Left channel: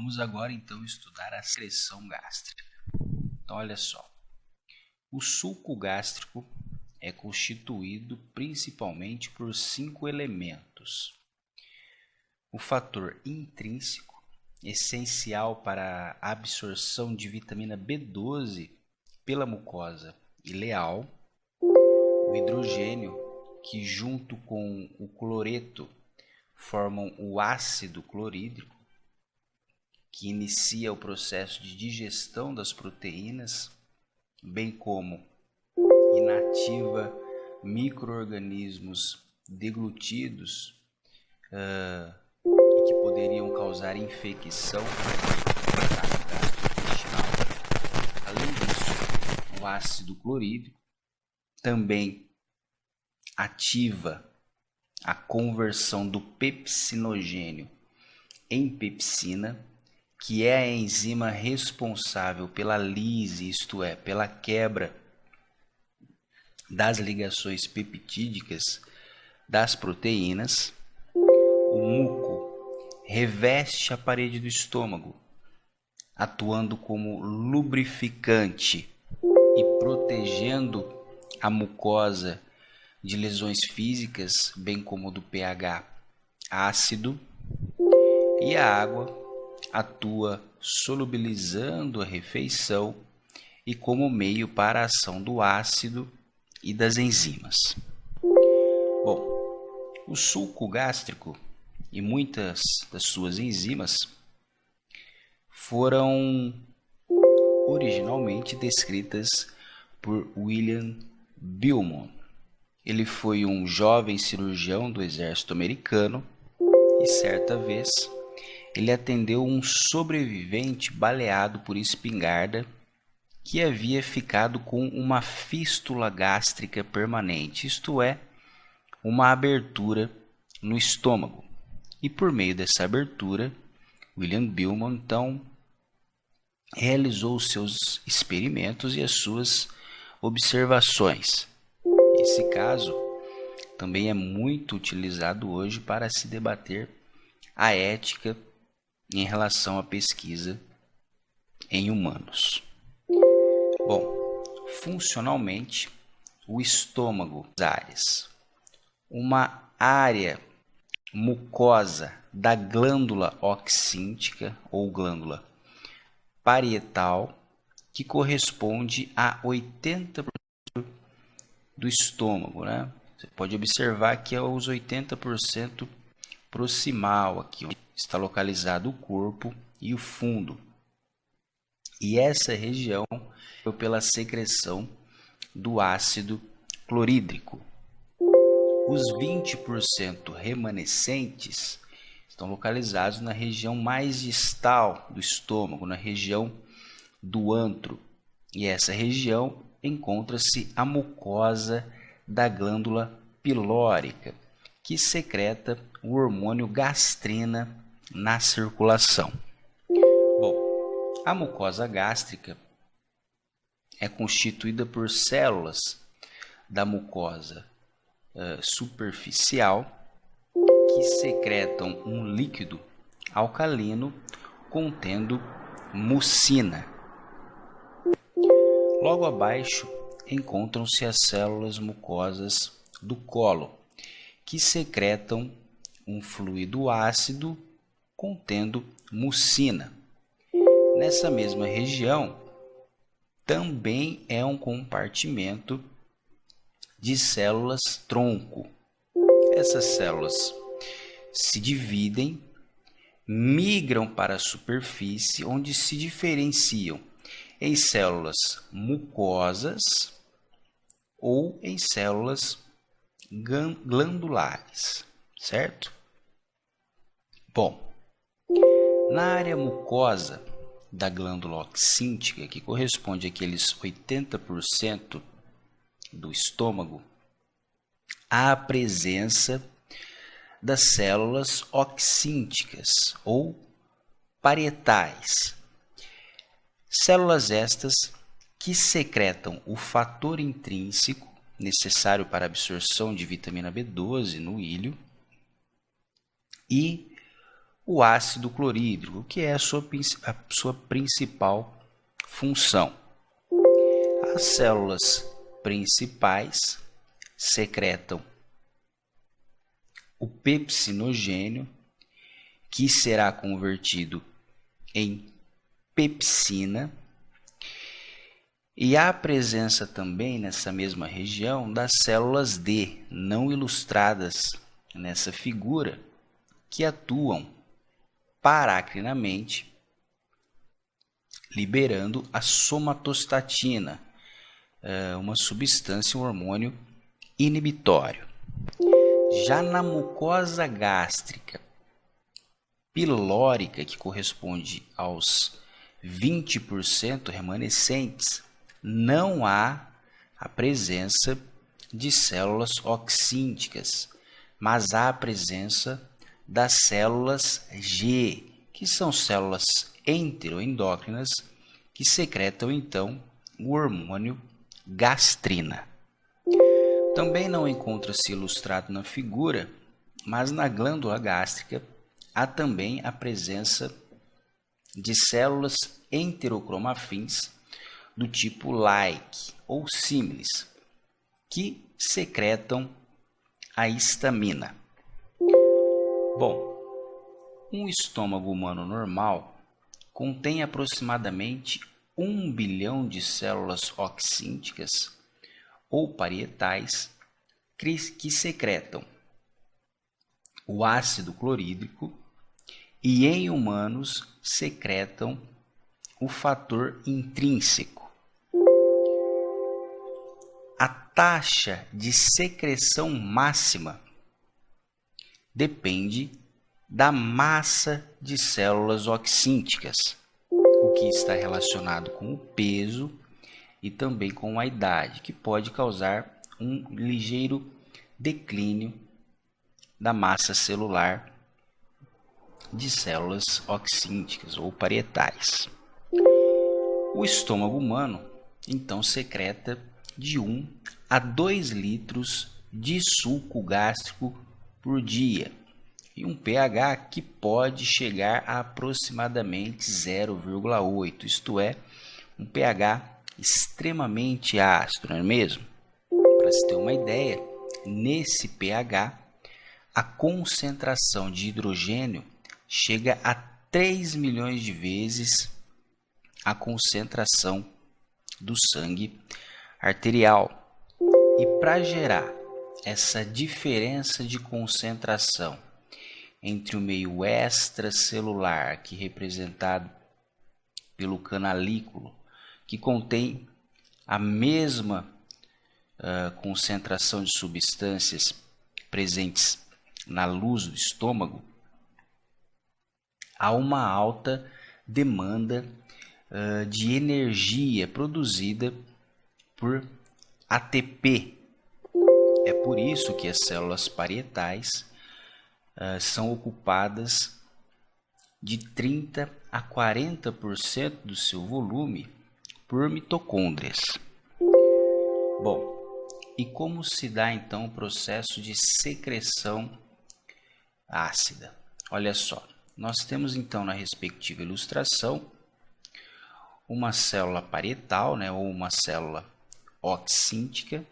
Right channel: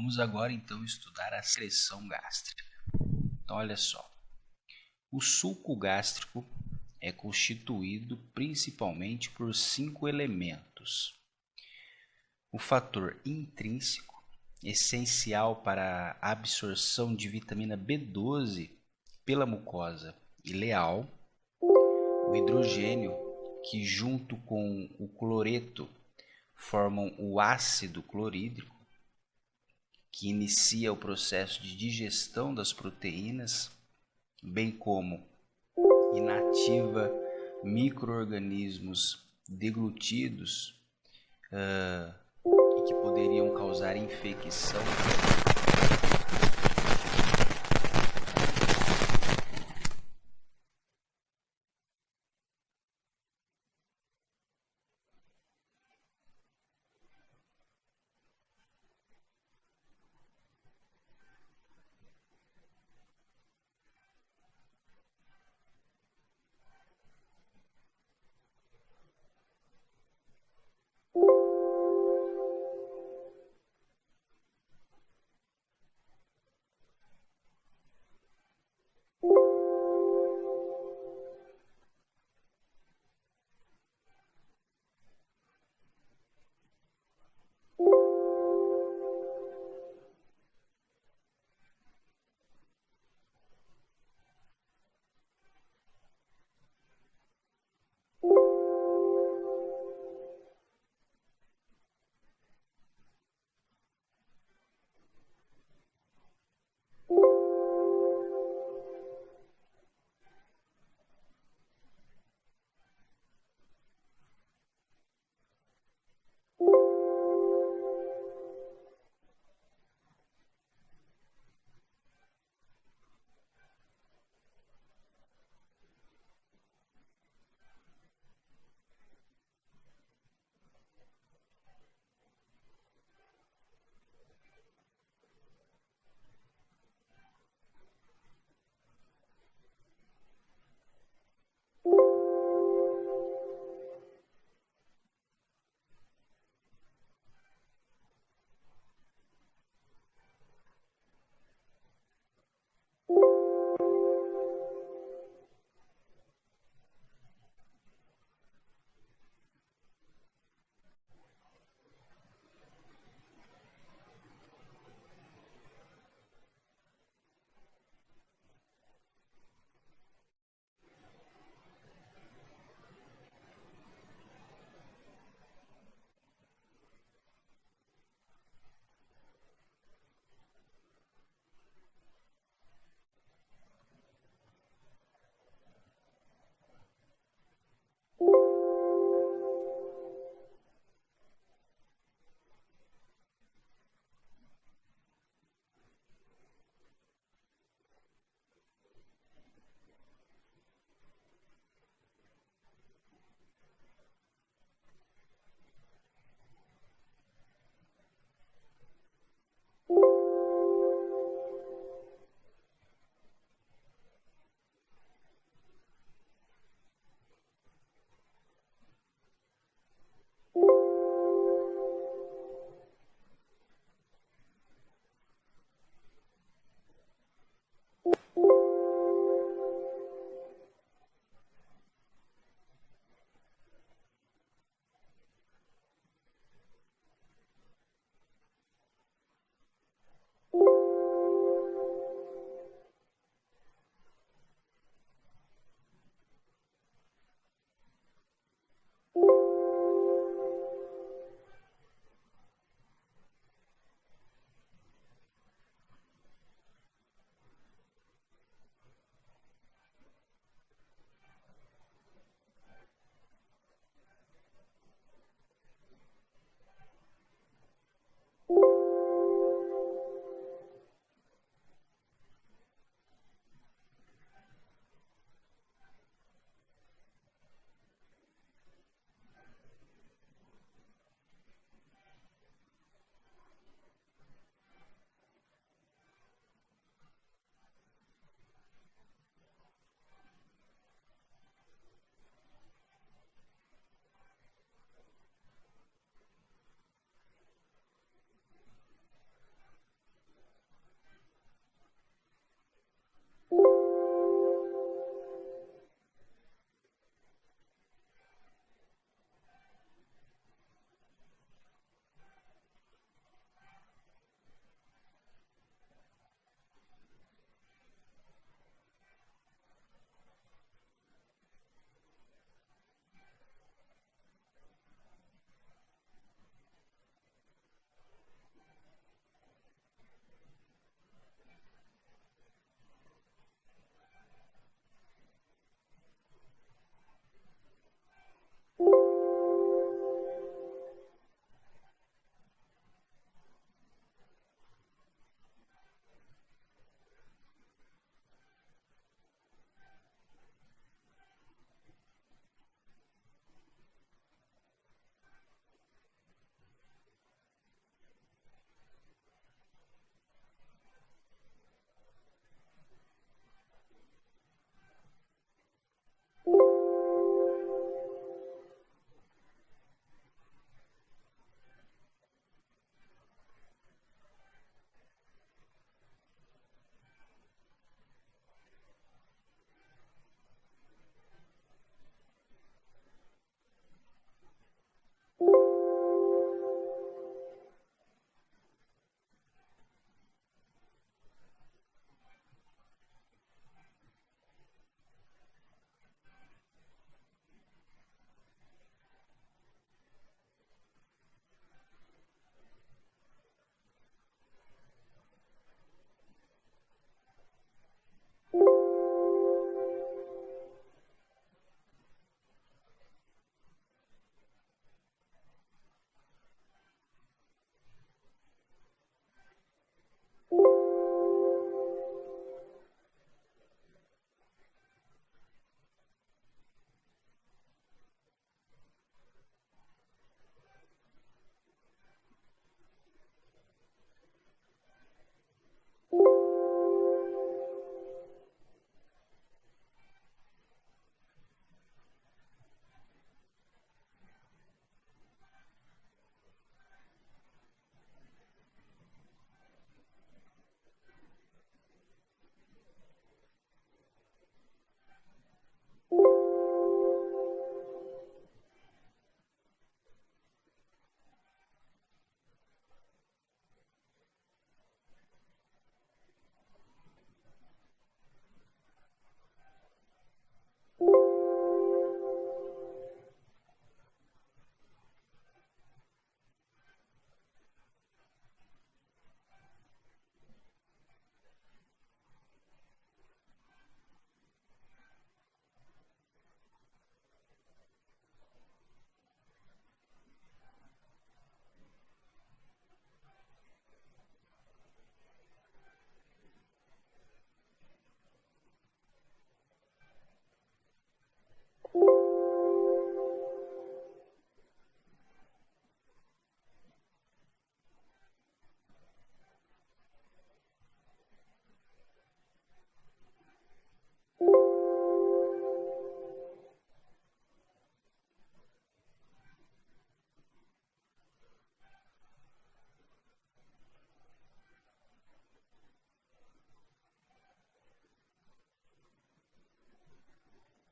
Vamos agora então estudar a secreção gástrica. Então olha só, o suco gástrico é constituído principalmente por 5 elementos. O fator intrínseco, essencial para a absorção de vitamina B12 pela mucosa ileal, o hidrogênio, que junto com o cloreto formam o ácido clorídrico, que inicia o processo de digestão das proteínas, bem como inativa micro-organismos deglutidos e que poderiam causar infecção no trato gastrointestinal. Além disso, o ácido clorídrico também ativa a conversão do pepsinogênio em pepsina, que é a enzima responsável pela lise, isto é, pela quebra das ligações peptídicas das proteínas. O muco reveste a parede do estômago, atuando como lubrificante e protegendo a mucosa de lesões físicas, bem como do pH ácido, e a água atua solubilizando a refeição e como meio para a ação do ácido e das enzimas. Bom, o suco gástrico e muitas das suas enzimas foram originalmente descritas por William Beaumont. Ele foi um jovem cirurgião do exército americano e certa vez ele atendeu um sobrevivente baleado por espingarda que havia ficado com uma fístula gástrica permanente, isto é, uma abertura no estômago. E por meio dessa abertura, William Beaumont então realizou os seus experimentos e as suas observações. Esse caso também é muito utilizado hoje para se debater a ética em relação à pesquisa em humanos. Bom, funcionalmente, o estômago, uma área mucosa da glândula oxíntica ou glândula parietal, que corresponde a 80% do estômago, né? Você pode observar que é os 80% proximal, aqui onde está localizado o corpo e o fundo. E essa região é pela secreção do ácido clorídrico. Os 20% remanescentes estão localizados na região mais distal do estômago, na região do antro. E essa região encontra-se a mucosa da glândula pilórica, que secreta o hormônio gastrina na circulação. Bom, a mucosa gástrica é constituída por células da mucosa superficial que secretam um líquido alcalino contendo mucina. Logo abaixo encontram-se as células mucosas do colo, que secretam um fluido ácido contendo mucina. Nessa mesma região também é um compartimento de células tronco. Essas células se dividem, migram para a superfície, onde se diferenciam em células mucosas ou em células glandulares, certo? Bom, na área mucosa da glândula oxíntica, que corresponde àqueles 80% do estômago, há a presença das células oxínticas ou parietais. Células estas que secretam o fator intrínseco necessário para a absorção de vitamina B12 no íleo e o ácido clorídrico, que é a sua principal função. As células principais secretam o pepsinogênio, que será convertido em pepsina, e há presença também nessa mesma região das células D, não ilustradas nessa figura, que atuam paracrinamente, liberando a somatostatina, uma substância, um hormônio inibitório. Já na mucosa gástrica pilórica, que corresponde aos 20% remanescentes, não há a presença de células oxínticas, mas há a presença das células G, que são células enteroendócrinas que secretam então o hormônio gastrina. Também não encontra-se ilustrado na figura, mas na glândula gástrica há também a presença de células enterocromafins do tipo like ou símilis, que secretam a histamina. Bom, um estômago humano normal contém aproximadamente 1 bilhão de células oxínticas ou parietais que secretam o ácido clorídrico e em humanos secretam o fator intrínseco. A taxa de secreção máxima depende da massa de células oxínticas, o que está relacionado com o peso e também com a idade, que pode causar um ligeiro declínio da massa celular de células oxínticas ou parietais. O estômago humano, então, secreta de 1 a 2 litros de suco gástrico por dia e um pH que pode chegar a aproximadamente 0,8, isto é, um pH extremamente ácido, não é mesmo? Para se ter uma ideia, nesse pH, a concentração de hidrogênio chega a 3 milhões de vezes a concentração do sangue arterial. E para gerar essa diferença de concentração entre o meio extracelular, que é representado pelo canalículo, que contém a mesma concentração de substâncias presentes na luz do estômago, há uma alta demanda de energia produzida por ATP. É por isso que as células parietais são ocupadas de 30 a 40% do seu volume por mitocôndrias. Bom, e como se dá então o processo de secreção ácida? Olha só, nós temos então na respectiva ilustração uma célula parietal, ou uma célula oxíntica.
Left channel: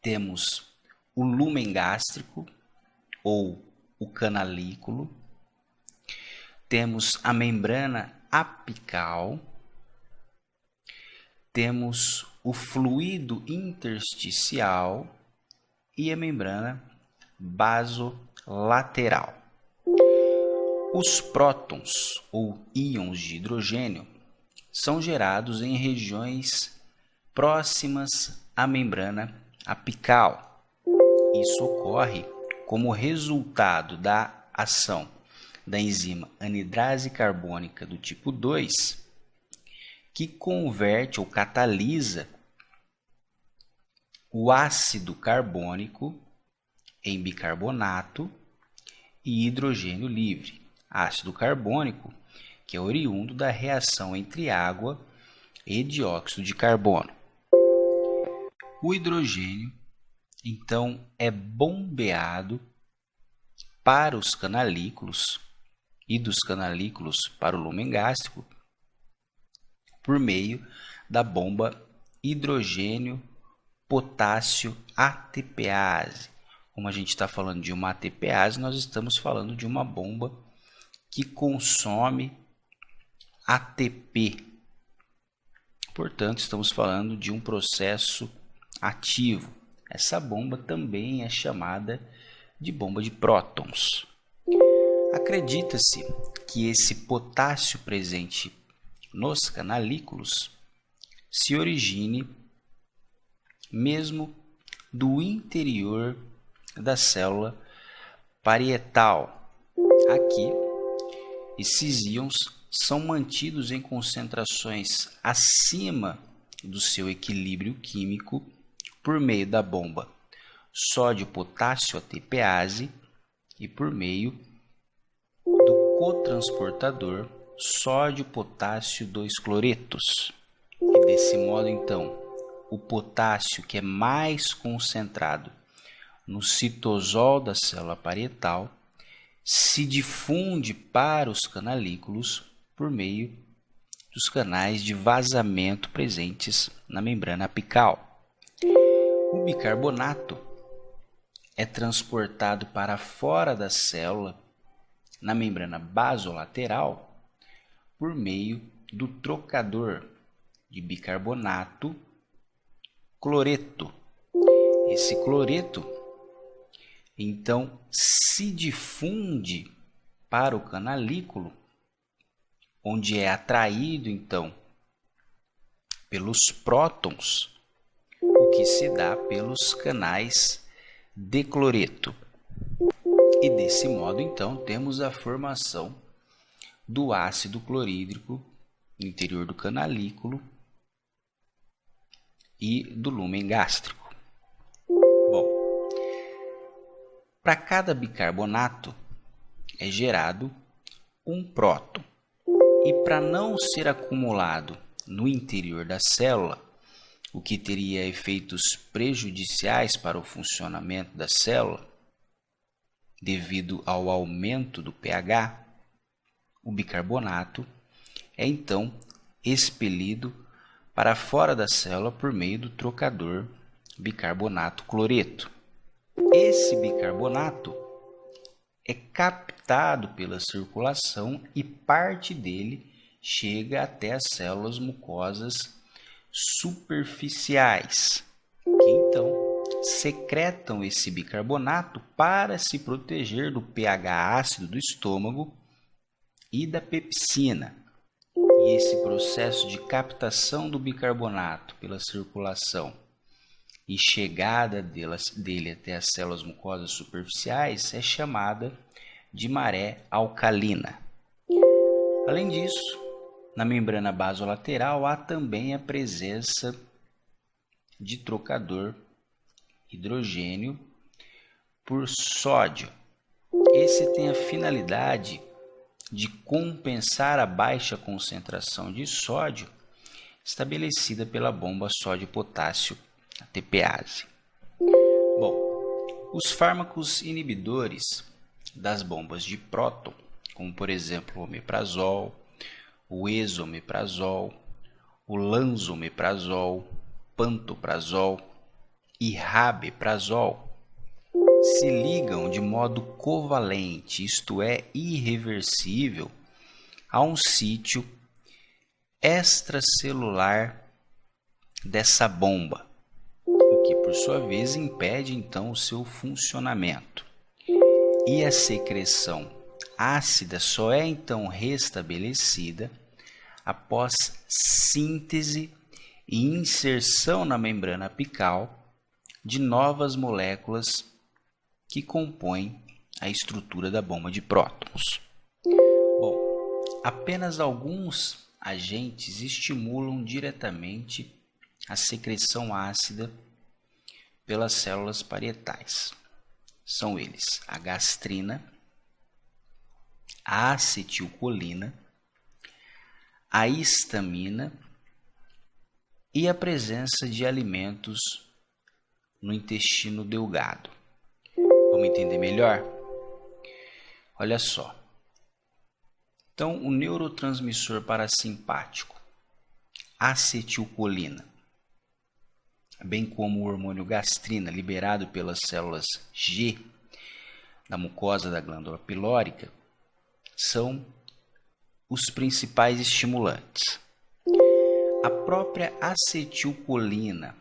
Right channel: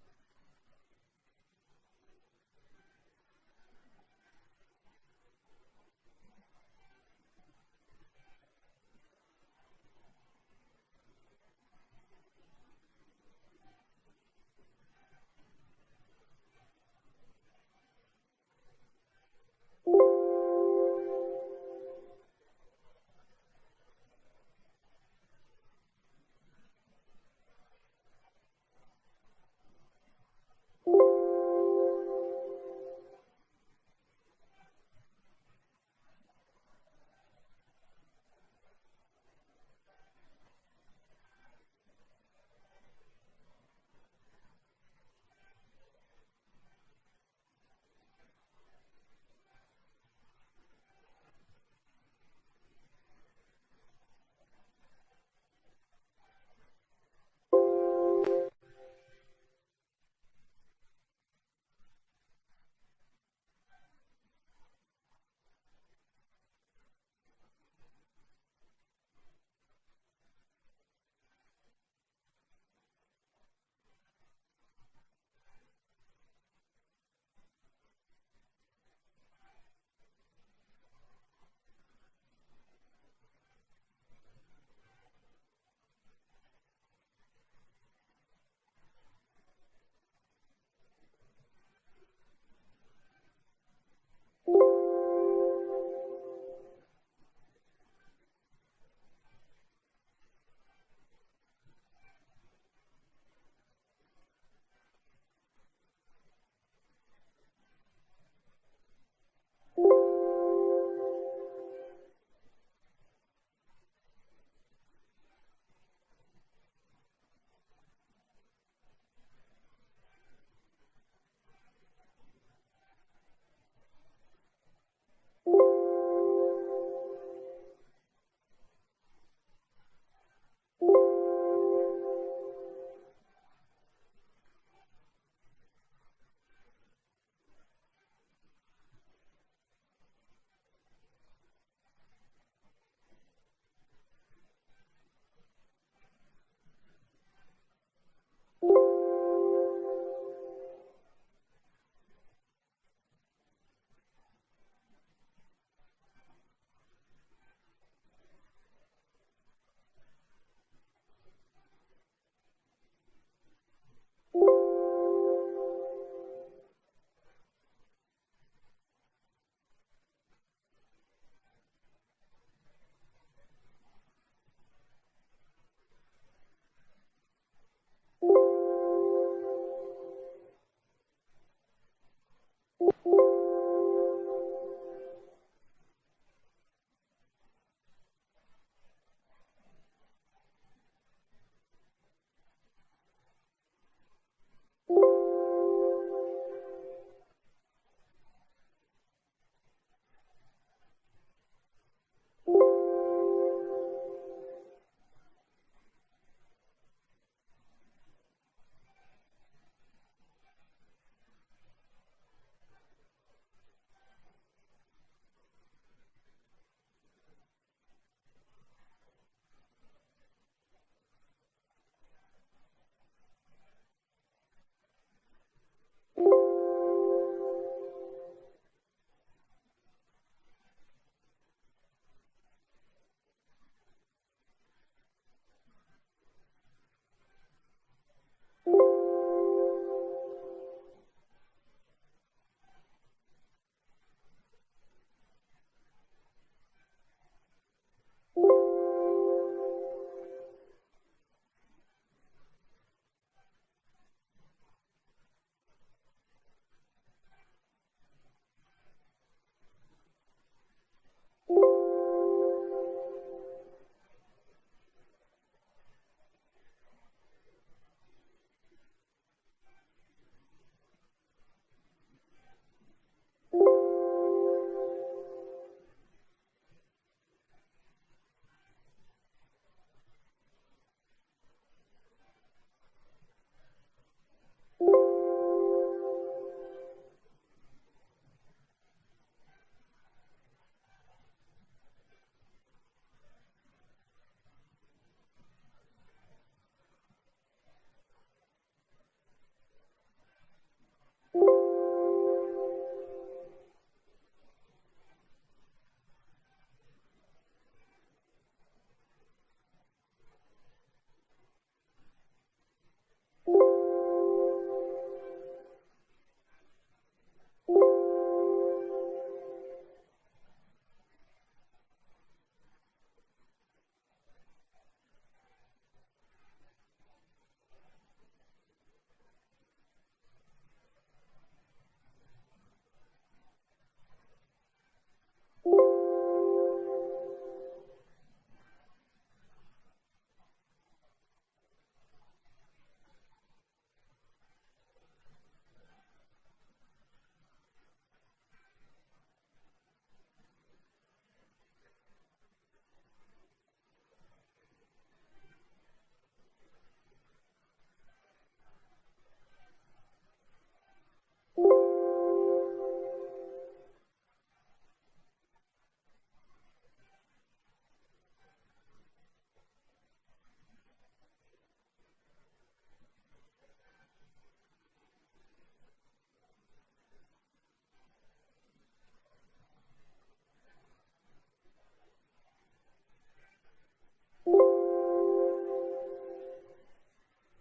Temos o lúmen gástrico ou o canalículo. Temos a membrana apical. Temos o fluido intersticial e a membrana basolateral. Os prótons ou íons de hidrogênio são gerados em regiões próximas à membrana apical. Isso ocorre como resultado da ação da enzima anidrase carbônica do tipo 2, que converte ou catalisa o ácido carbônico em bicarbonato e hidrogênio livre. Ácido carbônico, que é oriundo da reação entre água e dióxido de carbono. O hidrogênio, então, é bombeado para os canalículos e dos canalículos para o lúmen gástrico por meio da bomba hidrogênio-potássio ATPase. Como a gente está falando de uma ATPase, nós estamos falando de uma bomba que consome ATP. Portanto, estamos falando de um processo ativo. Essa bomba também é chamada de bomba de prótons. Acredita-se que esse potássio presente nos canalículos se origine mesmo do interior da célula parietal. Aqui, esses íons são mantidos em concentrações acima do seu equilíbrio químico por meio da bomba sódio-potássio ATPase e por meio do cotransportador sódio-potássio 2-cloretos. E desse modo, então, o potássio que é mais concentrado no citosol da célula parietal se difunde para os canalículos por meio dos canais de vazamento presentes na membrana apical. O bicarbonato é transportado para fora da célula na membrana basolateral por meio do trocador de bicarbonato cloreto. Esse cloreto, então, se difunde para o canalículo, onde é atraído, então, pelos prótons, o que se dá pelos canais de cloreto. E desse modo, então, temos a formação do ácido clorídrico no interior do canalículo e do lúmen gástrico. Bom, para cada bicarbonato é gerado um próton. E para não ser acumulado no interior da célula, o que teria efeitos prejudiciais para o funcionamento da célula, devido ao aumento do pH, o bicarbonato é então expelido para fora da célula por meio do trocador bicarbonato cloreto. Esse bicarbonato é captado pela circulação e parte dele chega até as células mucosas superficiais, que então secretam esse bicarbonato para se proteger do pH ácido do estômago e da pepsina. E esse processo de captação do bicarbonato pela circulação e chegada dele até as células mucosas superficiais é chamada de maré alcalina. Além disso, na membrana basolateral há também a presença de trocador hidrogênio por sódio. Esse tem a finalidade de compensar a baixa concentração de sódio estabelecida pela bomba sódio-potássio ATPase. Bom, os fármacos inibidores das bombas de próton, como por exemplo o omeprazol, o esomeprazol, o lansomeprazol, pantoprazol e rabeprazol, se ligam de modo covalente, isto é, irreversível, a um sítio extracelular dessa bomba, o que por sua vez impede então o seu funcionamento. E a secreção ácida só é então restabelecida após síntese e inserção na membrana apical de novas moléculas que compõem a estrutura da bomba de prótons. Bom, apenas alguns agentes estimulam diretamente a secreção ácida pelas células parietais. São eles a gastrina, a acetilcolina, a histamina e a presença de alimentos no intestino delgado. Vamos entender melhor? Olha só. Então, o neurotransmissor parasimpático, acetilcolina, bem como o hormônio gastrina, liberado pelas células G da mucosa da glândula pilórica, são os principais estimulantes. A própria acetilcolina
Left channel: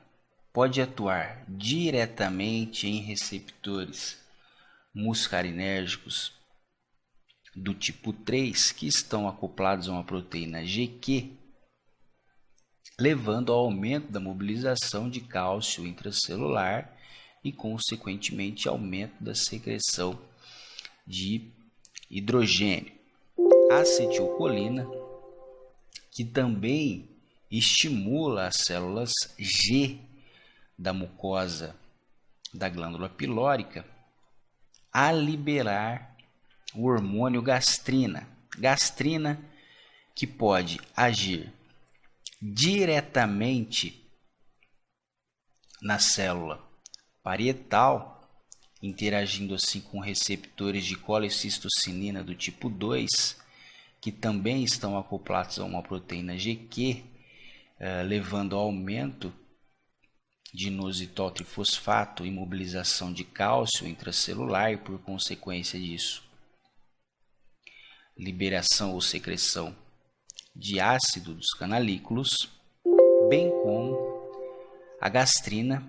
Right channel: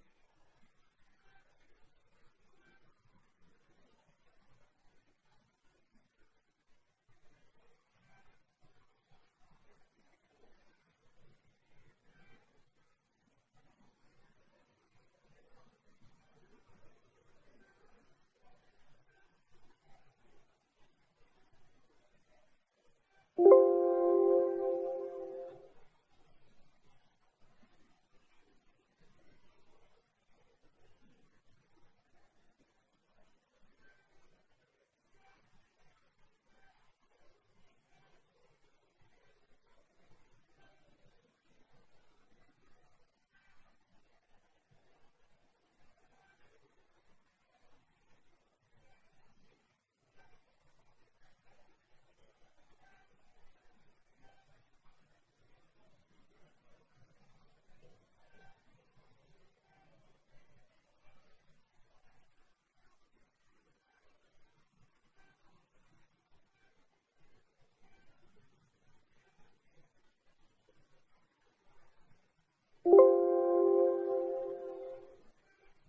pode atuar diretamente em receptores muscarinérgicos do tipo 3 que estão acoplados a uma proteína GQ, levando ao aumento da mobilização de cálcio intracelular e, consequentemente, aumento da secreção de hidrogênio. A acetilcolina, que também estimula as células G da mucosa da glândula pilórica a liberar o hormônio gastrina. Gastrina que pode agir diretamente na célula parietal, interagindo assim com receptores de colecistocinina do tipo 2, que também estão acoplados a uma proteína GQ, levando ao aumento de inositol trifosfato, imobilização de cálcio intracelular e, por consequência disso, liberação ou secreção de ácido dos canalículos, bem como a gastrina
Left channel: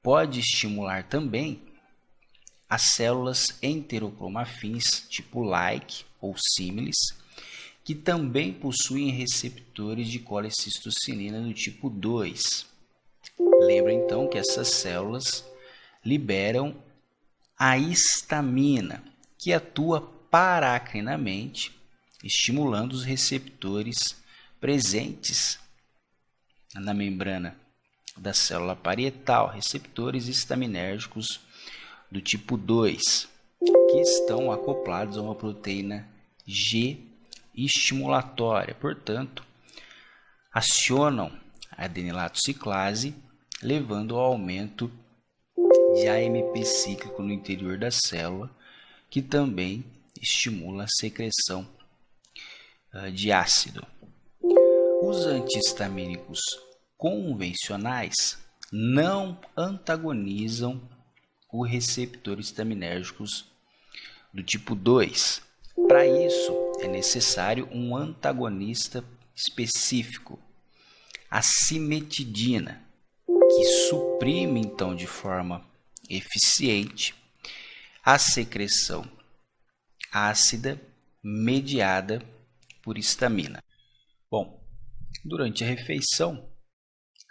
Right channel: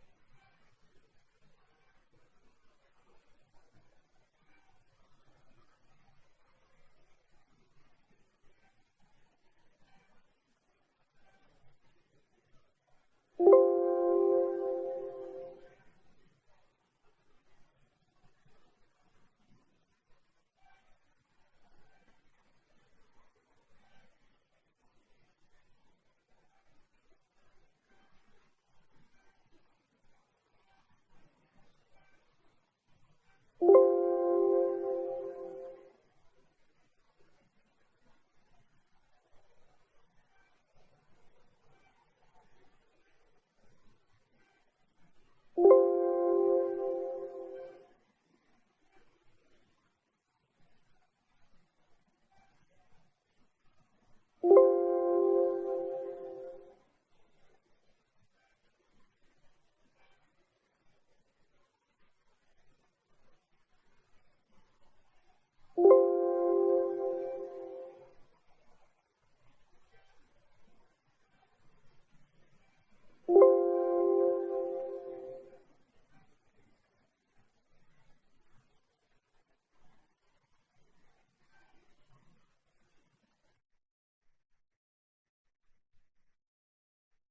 pode estimular também as células enterocromafins tipo like ou símiles, que também possuem receptores de colecistocinina do tipo 2. Lembra então que essas células liberam a histamina, que atua paracrinamente, estimulando os receptores presentes na membrana da célula parietal, receptores histaminérgicos do tipo 2, que estão acoplados a uma proteína G estimulatória, portanto, acionam a adenilato ciclase, levando ao aumento de AMP cíclico no interior da célula, que também estimula a secreção de ácido. Os antihistamínicos convencionais não antagonizam os receptores histaminérgicos do tipo 2. Para isso, é necessário um antagonista específico, a cimetidina, que suprime então de forma eficiente a secreção ácida mediada por histamina. Bom, durante a refeição,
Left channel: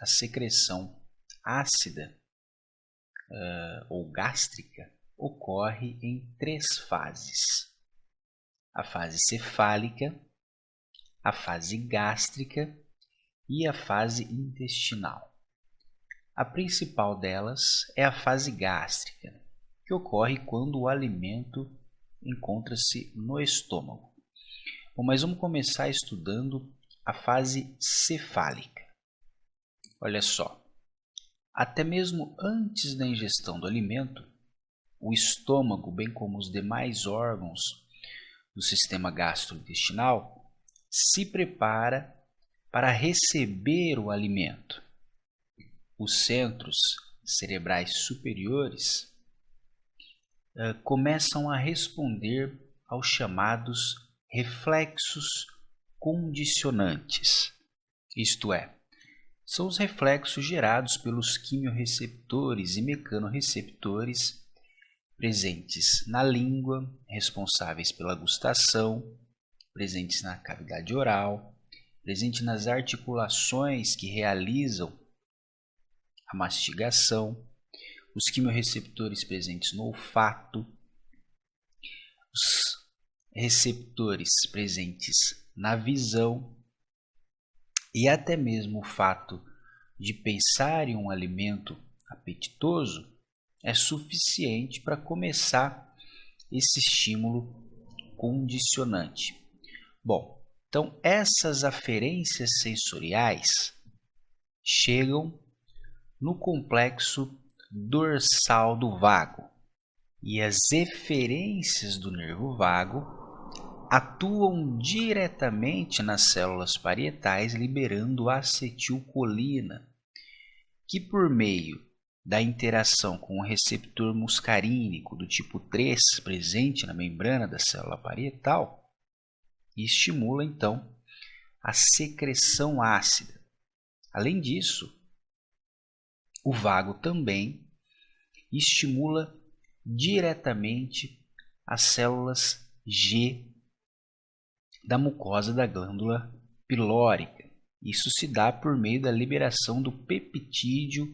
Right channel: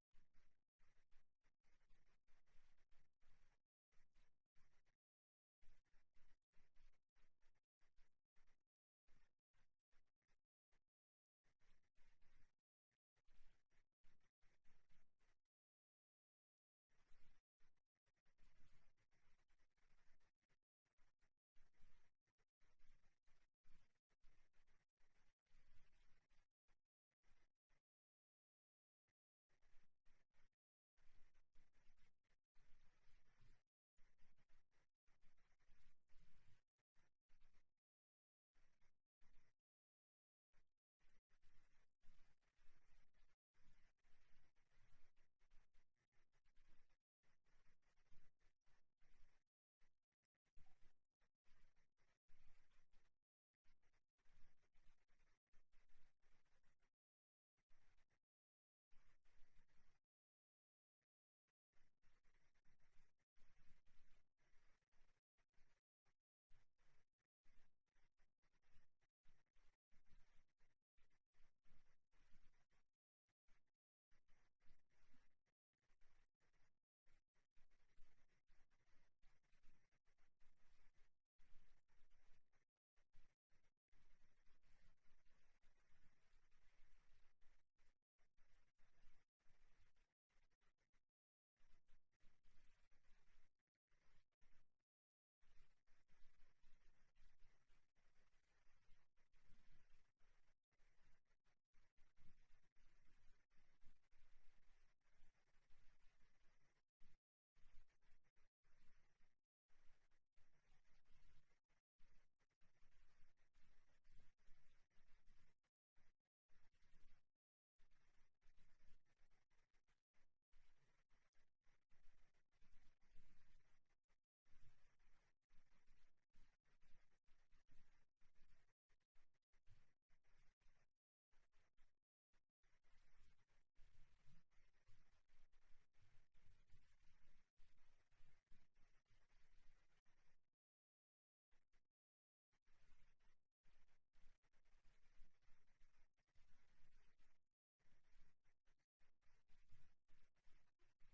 a secreção ácida ou gástrica ocorre em 3 fases: a fase cefálica, a fase gástrica e a fase intestinal. A principal delas é a fase gástrica, que ocorre quando o alimento encontra-se no estômago. Bom, mas vamos começar estudando a fase cefálica. Olha só, até mesmo antes da ingestão do alimento, o estômago, bem como os demais órgãos do sistema gastrointestinal, se prepara para receber o alimento. Os centros cerebrais superiores começam a responder aos chamados reflexos condicionantes, isto é, são os reflexos gerados pelos quimiorreceptores e mecanorreceptores presentes na língua, responsáveis pela gustação, presentes na cavidade oral, presentes nas articulações que realizam a mastigação, os quimiorreceptores presentes no olfato, os receptores presentes na visão, e até mesmo o fato de pensar em um alimento apetitoso é suficiente para começar esse estímulo condicionante. Bom, então essas aferências sensoriais chegam no complexo dorsal do vago, e as eferências do nervo vago atuam diretamente nas células parietais, liberando acetilcolina, que por meio da interação com o receptor muscarínico do tipo 3 presente na membrana da célula parietal, estimula então a secreção ácida. Além disso, o vago também estimula diretamente as células G da mucosa da glândula pilórica. Isso se dá por meio da liberação do peptídeo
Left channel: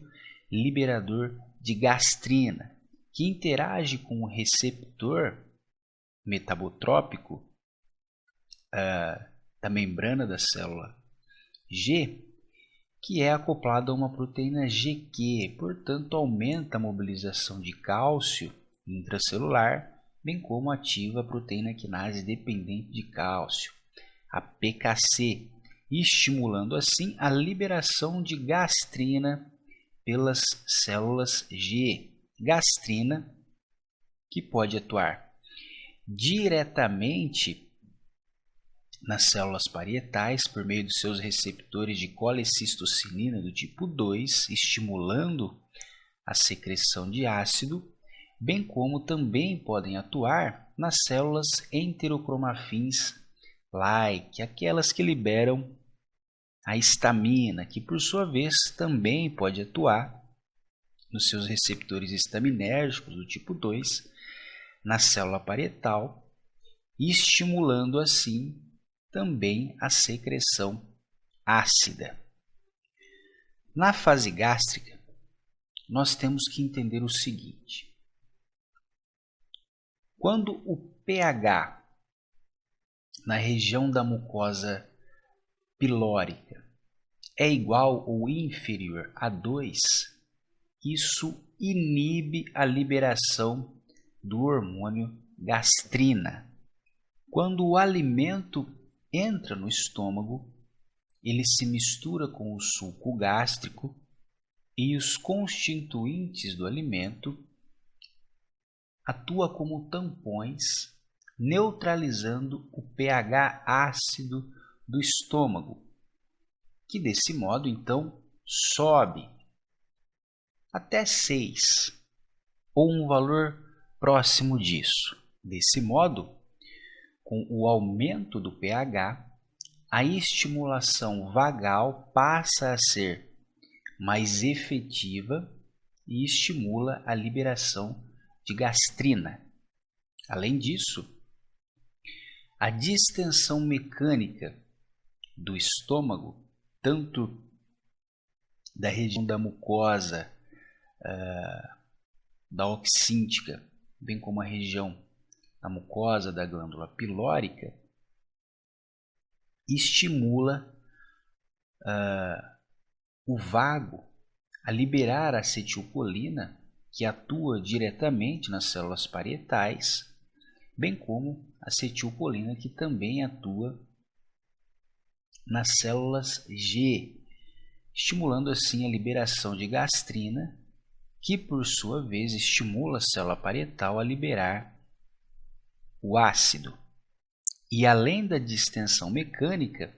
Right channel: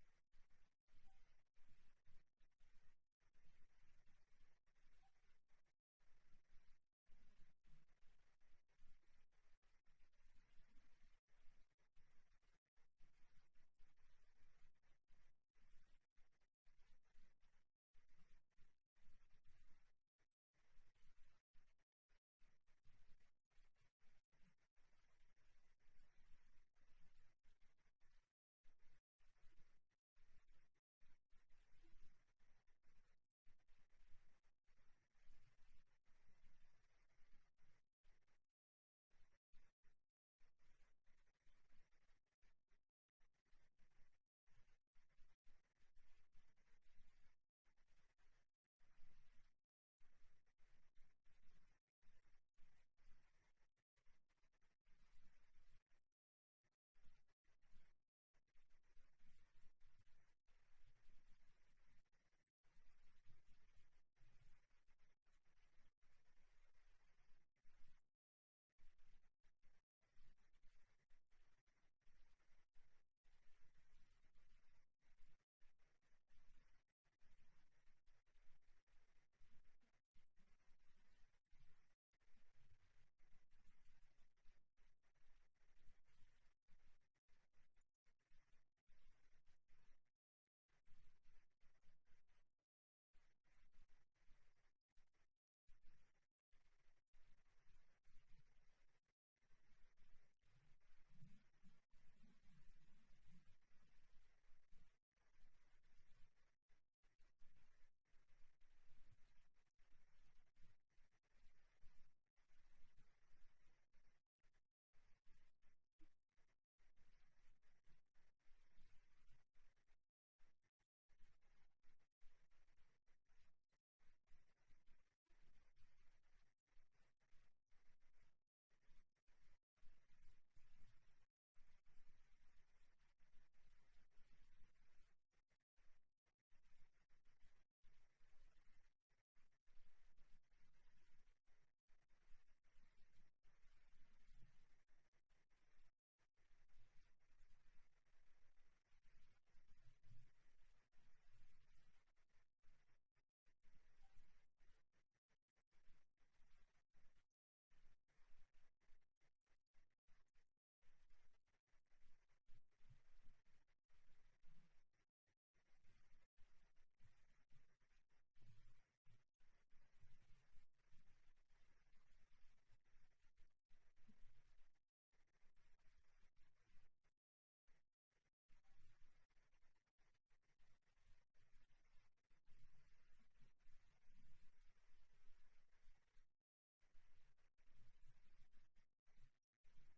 liberador de gastrina, que interage com o receptor metabotrópico da membrana da célula G, que é acoplado a uma proteína GQ, portanto aumenta a mobilização de cálcio intracelular, bem como ativa a proteína quinase dependente de cálcio, a PKC, estimulando assim a liberação de gastrina pelas células G. Gastrina que pode atuar diretamente nas células parietais por meio dos seus receptores de colecistocinina do tipo 2, estimulando a secreção de ácido, bem como também podem atuar nas células enterocromafins-like, aquelas que liberam a histamina, que por sua vez também pode atuar nos seus receptores estaminérgicos do tipo 2 na célula parietal, estimulando assim também a secreção ácida. Na fase gástrica, nós temos que entender o seguinte: quando o pH na região da mucosa pilórica é igual ou inferior a 2, isso inibe a liberação do hormônio gastrina. Quando o alimento entra no estômago, ele se mistura com o suco gástrico e os constituintes do alimento atuam como tampões, neutralizando o pH ácido do estômago, que desse modo então sobe até 6 ou um valor próximo disso. Desse modo, com o aumento do pH, a estimulação vagal passa a ser mais efetiva e estimula a liberação de gastrina. Além disso, a distensão mecânica do estômago, tanto da região da mucosa da oxíntica, bem como a região da mucosa da glândula pilórica, estimula o vago a liberar a acetilcolina, que atua diretamente nas células parietais, bem como a acetilcolina, que também atua nas células G, estimulando assim a liberação de gastrina, que por sua vez estimula a célula parietal a liberar o ácido. E além da distensão mecânica,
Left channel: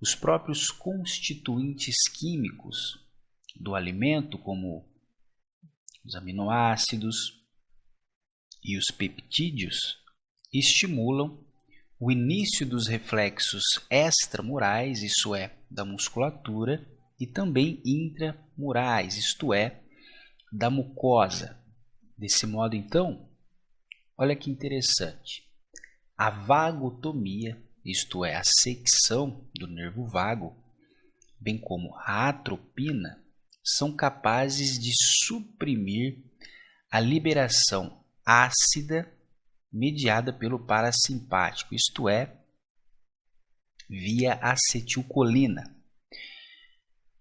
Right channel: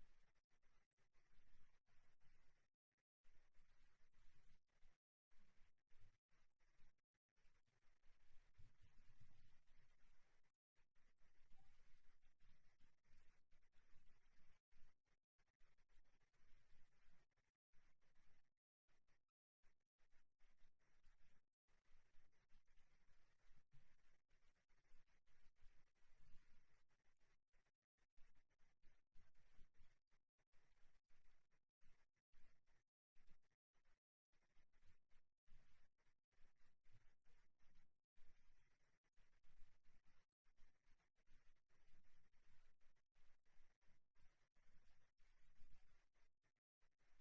os próprios constituintes químicos do alimento, como os aminoácidos e os peptídeos, estimulam o início dos reflexos extramurais, isso é, da musculatura, e também intramurais, isto é, da mucosa. Desse modo, então, olha que interessante, a vagotomia, isto é, a secção do nervo vago, bem como a atropina, são capazes de suprimir a liberação ácida mediada pelo parasimpático, isto é, via acetilcolina,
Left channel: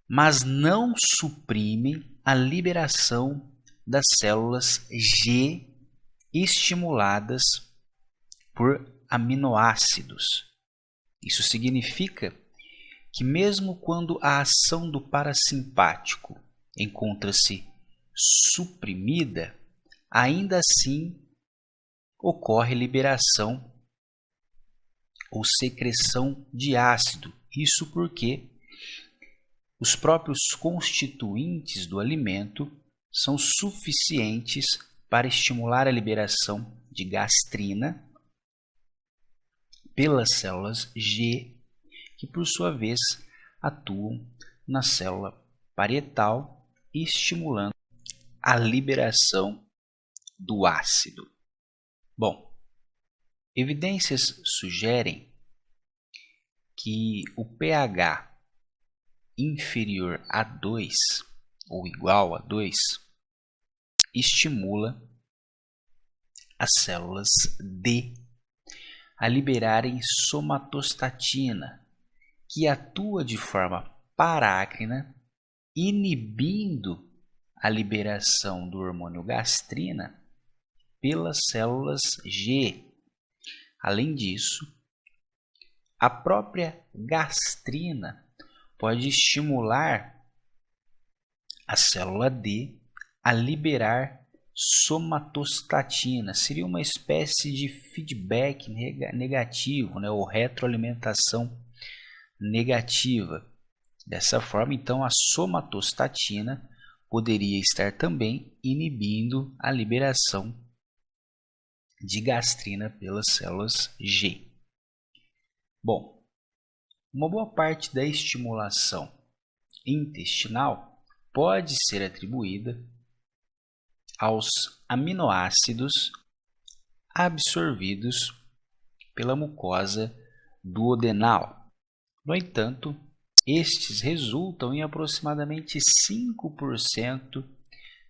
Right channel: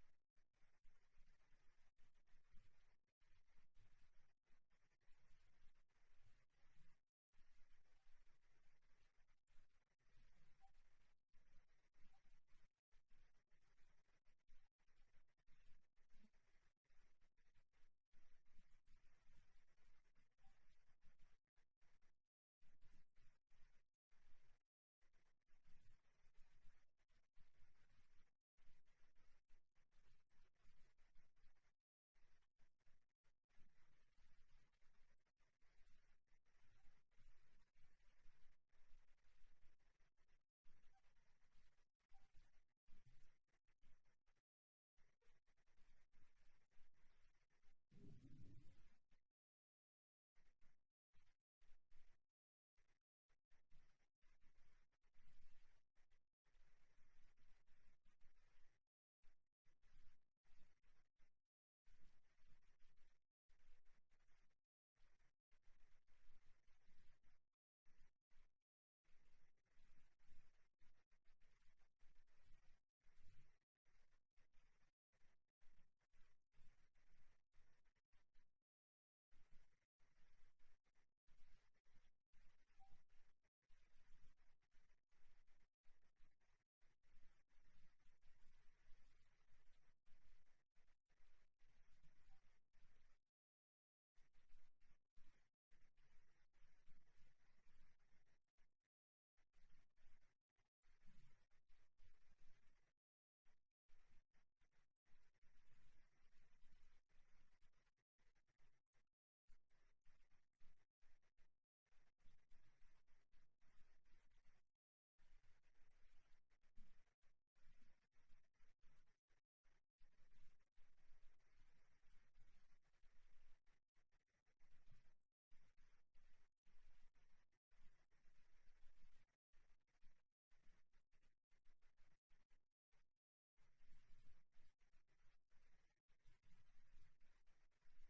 mas não suprimem a liberação das células G estimuladas por aminoácidos. Isso significa que mesmo quando a ação do parasimpático encontra-se suprimida, ainda assim ocorre liberação ou secreção de ácido. Isso porque os próprios constituintes do alimento são suficientes para estimular a liberação de gastrina pelas células G, que por sua vez atuam na célula parietal, estimulando a liberação do ácido. Bom, evidências sugerem que o pH inferior a 2 ou igual a 2 estimula as células D a liberarem somatostatina, que atua de forma parácrina, inibindo a liberação do hormônio gastrina pelas células G. Além disso, a própria gastrina pode estimular a célula D a liberar somatostatina. Seria uma espécie de feedback negativo, né, ou retroalimentação negativa. Dessa forma, então, a somatostatina poderia estar também inibindo a liberação de gastrina pelas células G. Bom, uma boa parte da estimulação intestinal pode ser atribuída aos aminoácidos absorvidos pela mucosa duodenal. No entanto, estes resultam em aproximadamente 5%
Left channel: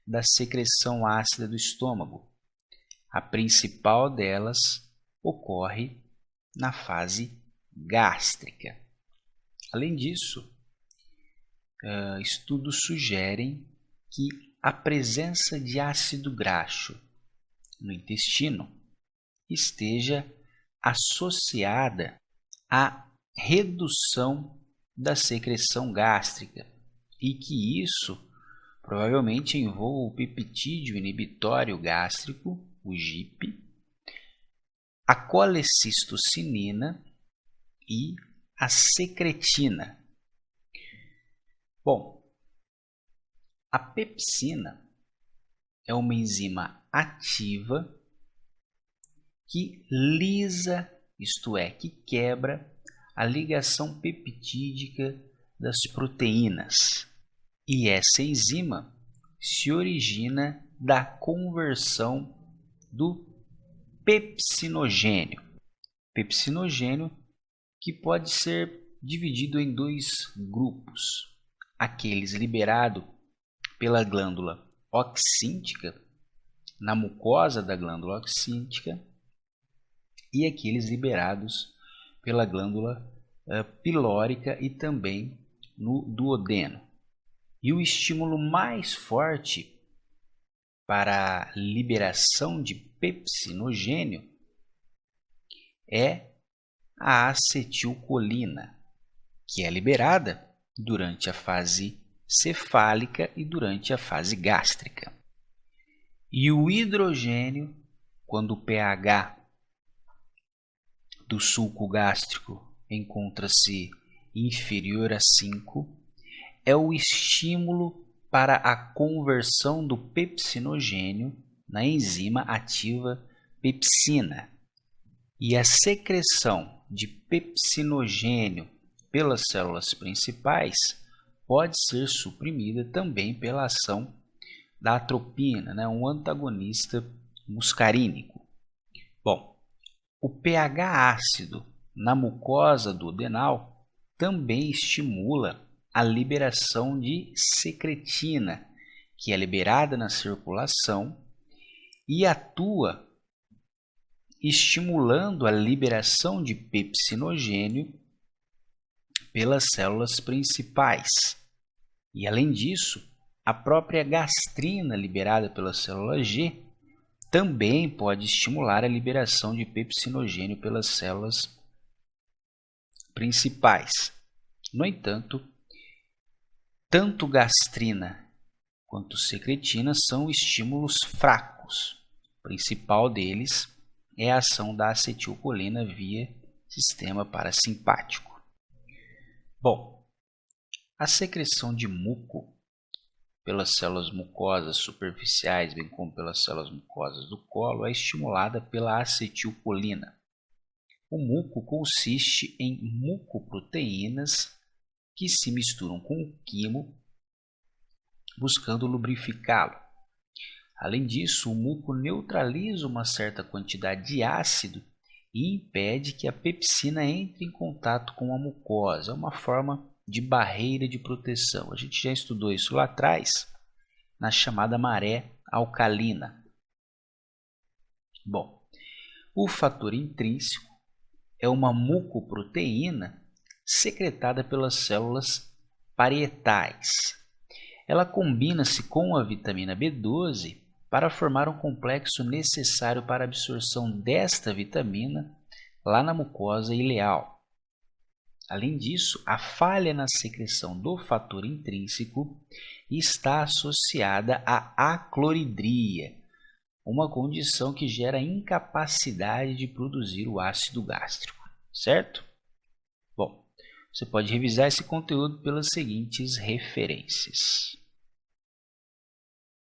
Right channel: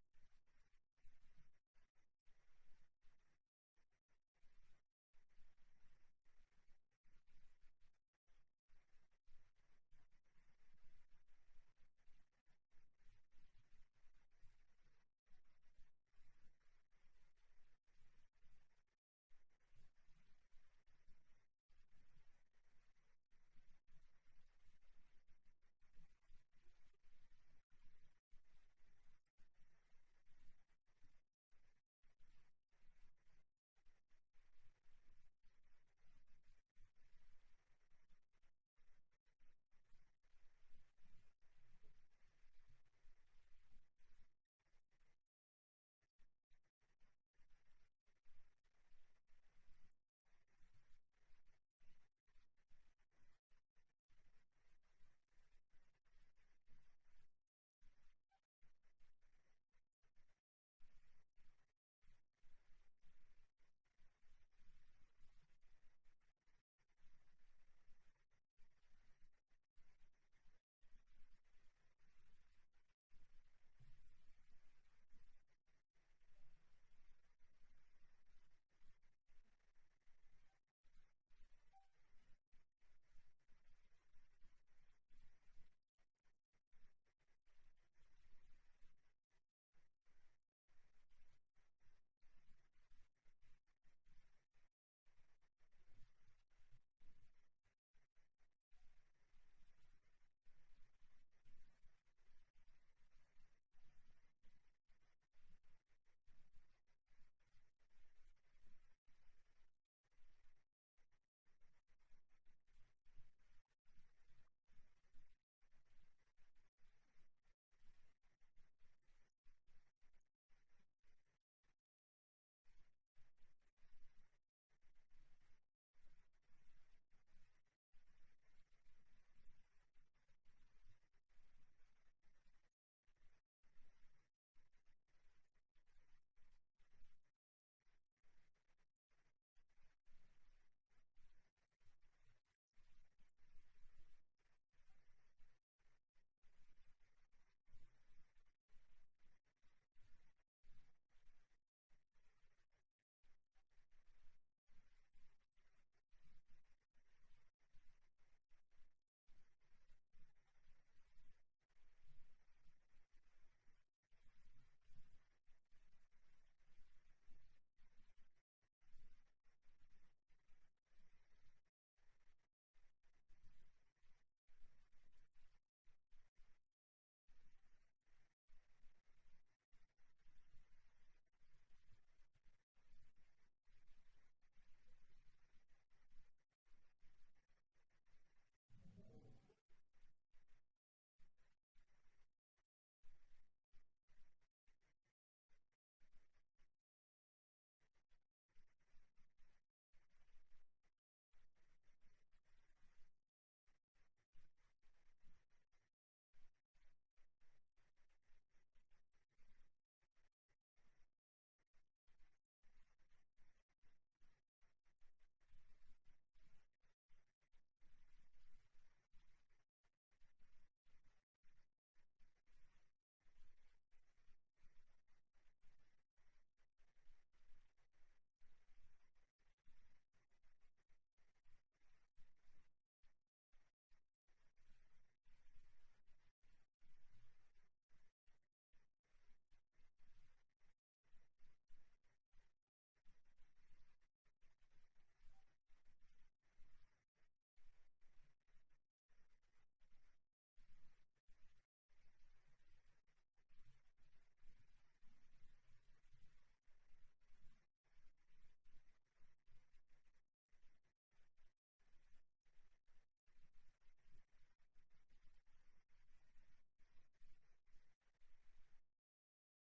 da secreção ácida do estômago. A principal delas ocorre na fase gástrica. Além disso, estudos sugerem que a presença de ácido graxo no intestino esteja associada à redução da secreção gástrica e que isso provavelmente envolva o peptídeo inibitório gástrico, o GIP, a colecistocinina e a secretina. Bom, a pepsina é uma enzima ativa que lisa, isto é, que quebra a ligação peptídica das proteínas. E essa enzima se origina da conversão do pepsinogênio. Pepsinogênio que pode ser dividido em dois grupos: aqueles liberados pela glândula oxíntica, na mucosa da glândula oxíntica, e aqueles liberados pela glândula pilórica e também no duodeno. E o estímulo mais forte para a liberação de pepsinogênio é a acetilcolina, que é liberada durante a fase cefálica e durante a fase gástrica. E o hidrogênio, quando o pH do sulco gástrico encontra-se inferior a 5, é o estímulo para a conversão do pepsinogênio na enzima ativa pepsina. E a secreção de pepsinogênio pelas células principais pode ser suprimida também pela ação da atropina, né, um antagonista muscarínico. Bom, o pH ácido na mucosa duodenal também estimula a liberação de secretina, que é liberada na circulação e atua estimulando a liberação de pepsinogênio pelas células principais. E além disso, a própria gastrina liberada pela célula G também pode estimular a liberação de pepsinogênio pelas células principais. No entanto, tanto gastrina quanto secretina são estímulos fracos fármacos. O principal deles é a ação da acetilcolina via sistema parasimpático. Bom, a secreção de muco pelas células mucosas superficiais, bem como pelas células mucosas do colo, é estimulada pela acetilcolina. O muco consiste em mucoproteínas que se misturam com o quimo, buscando lubrificá-lo. Além disso, o muco neutraliza uma certa quantidade de ácido e impede que a pepsina entre em contato com a mucosa. É uma forma de barreira de proteção. A gente já estudou isso lá atrás, na chamada maré alcalina. Bom, o fator intrínseco é uma mucoproteína secretada pelas células parietais. Ela combina-se com a vitamina B12 para formar um complexo necessário para a absorção desta vitamina lá na mucosa ileal. Além disso, a falha na secreção do fator intrínseco está associada à acloridria, uma condição que gera incapacidade de produzir o ácido gástrico, certo? Bom, você pode revisar esse conteúdo pelas seguintes referências.